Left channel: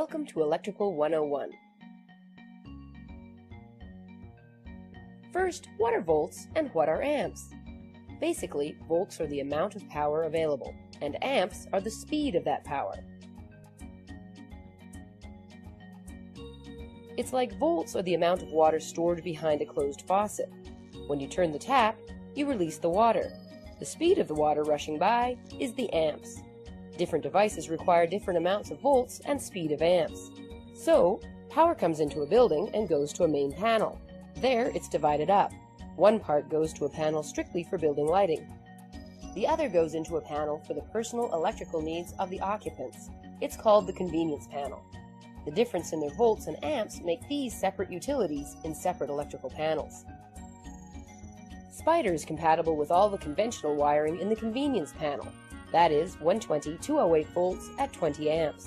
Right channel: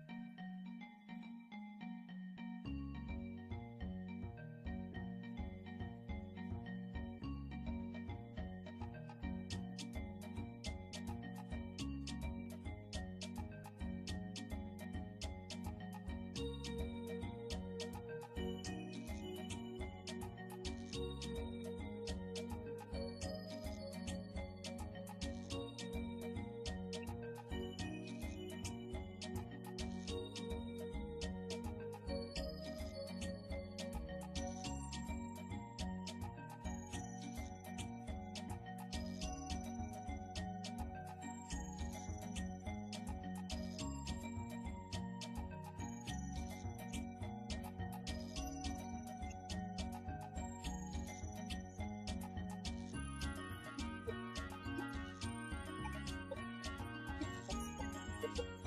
Welcome to Electrical 101. First, what are volts and what are amps? Basically, volts are the amount of power available, and amps are the speed of that power. It's like volts are the amount of water stored behind a closed faucet. When you turn the tap, you release the water. The speed of the water rushing by is the amps. Different devices require different amounts of volts and speed of amps. So, power comes into a building and goes to a main panel. There, it's divided up. One part goes to a panel strictly for building lighting. The other goes into a panel for the personal electrical needs of the occupants. It's called the convenience panel. The difference in their volts and amps make these separate utilities in separate electrical panels. Spider is compatible with all the conventional wiring in the convenience panel. That is 120/208 volts at 20 amps.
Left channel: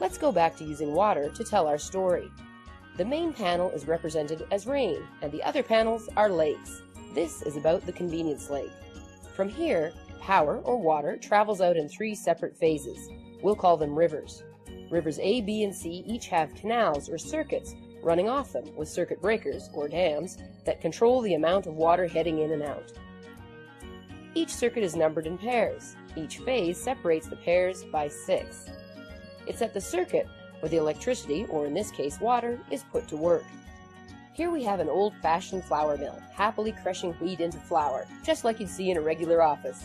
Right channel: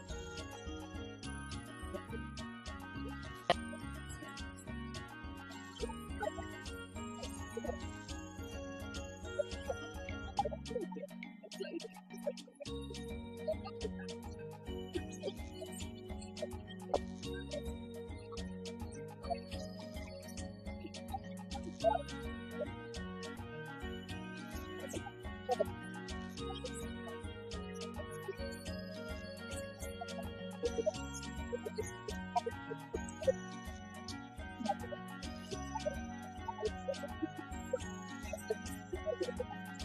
Let's go back to using water to tell our story. The main panel is represented as rain, and the other panels are lakes. This is about the convenience lake. From here, power, or water, travels out in 3 separate phases. We'll call them rivers. Rivers A, B, and C each have canals or circuits running off them with circuit breakers, or dams, that control the amount of water heading in and out. Each circuit is numbered in pairs. Each phase separates the pairs by 6. It's at the circuit where the electricity, or in this case water, is put to work. Here we have an old-fashioned flour mill, happily crushing wheat into flour, just like you'd see in a regular office.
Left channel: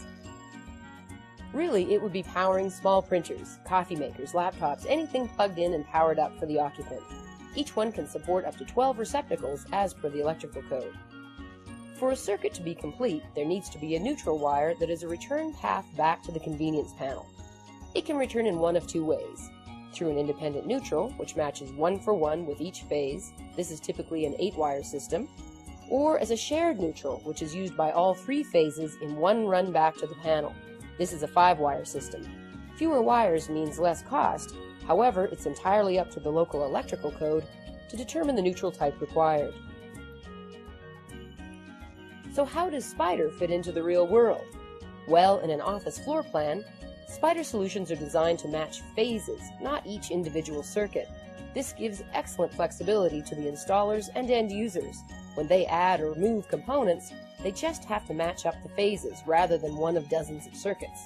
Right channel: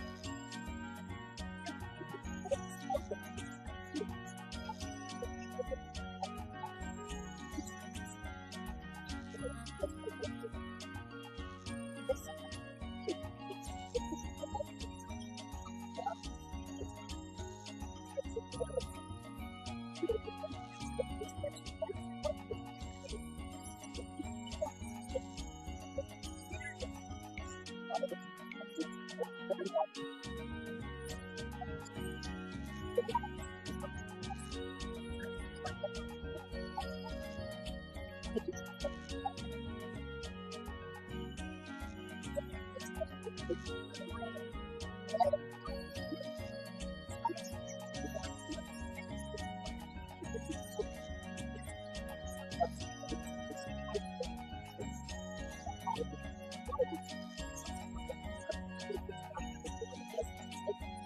Really, it would be powering small printers, coffee makers, laptops, anything plugged in and powered up for the occupant. Each one can support up to 12 receptacles as per the electrical code. For a circuit to be complete, there needs to be a neutral wire that is a return path back to the convenience panel. It can return in one of 2 ways. Through an independent neutral, which matches 1 for 1 with each phase, this is typically an 8-wire system, or as a shared neutral, which is used by all 3 phases in one run back to the panel. This is a 5-wire system. Fewer wires means less cost, however, it's entirely up to the local electrical code to determine the neutral type required. So how does Spider fit into the real world? Well, in an office floor plan, Spider solutions are designed to match phases, not each individual circuit. This gives excellent flexibility to the installers and end users. When they add or remove components, they just have to match up the phases rather than one of dozens of circuits.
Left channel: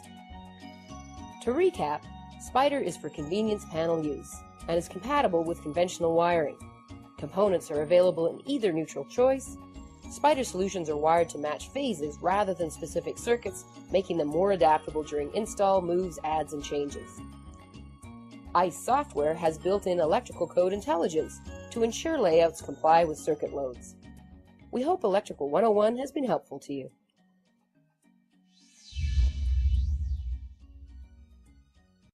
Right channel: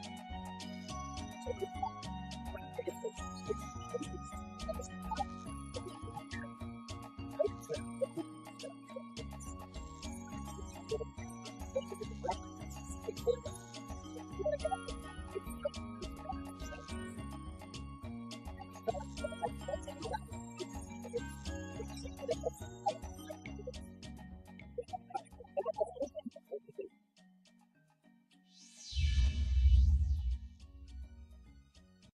To recap, Spider is for convenience panel use and is compatible with conventional wiring. Components are available in either neutral choice. Spider solutions are wired to match phases rather than specific circuits, making them more adaptable during install, moves, adds, and changes. ICE software has built-in electrical code intelligence to ensure layouts comply with circuit loads. We hope Electrical 101 has been helpful to you.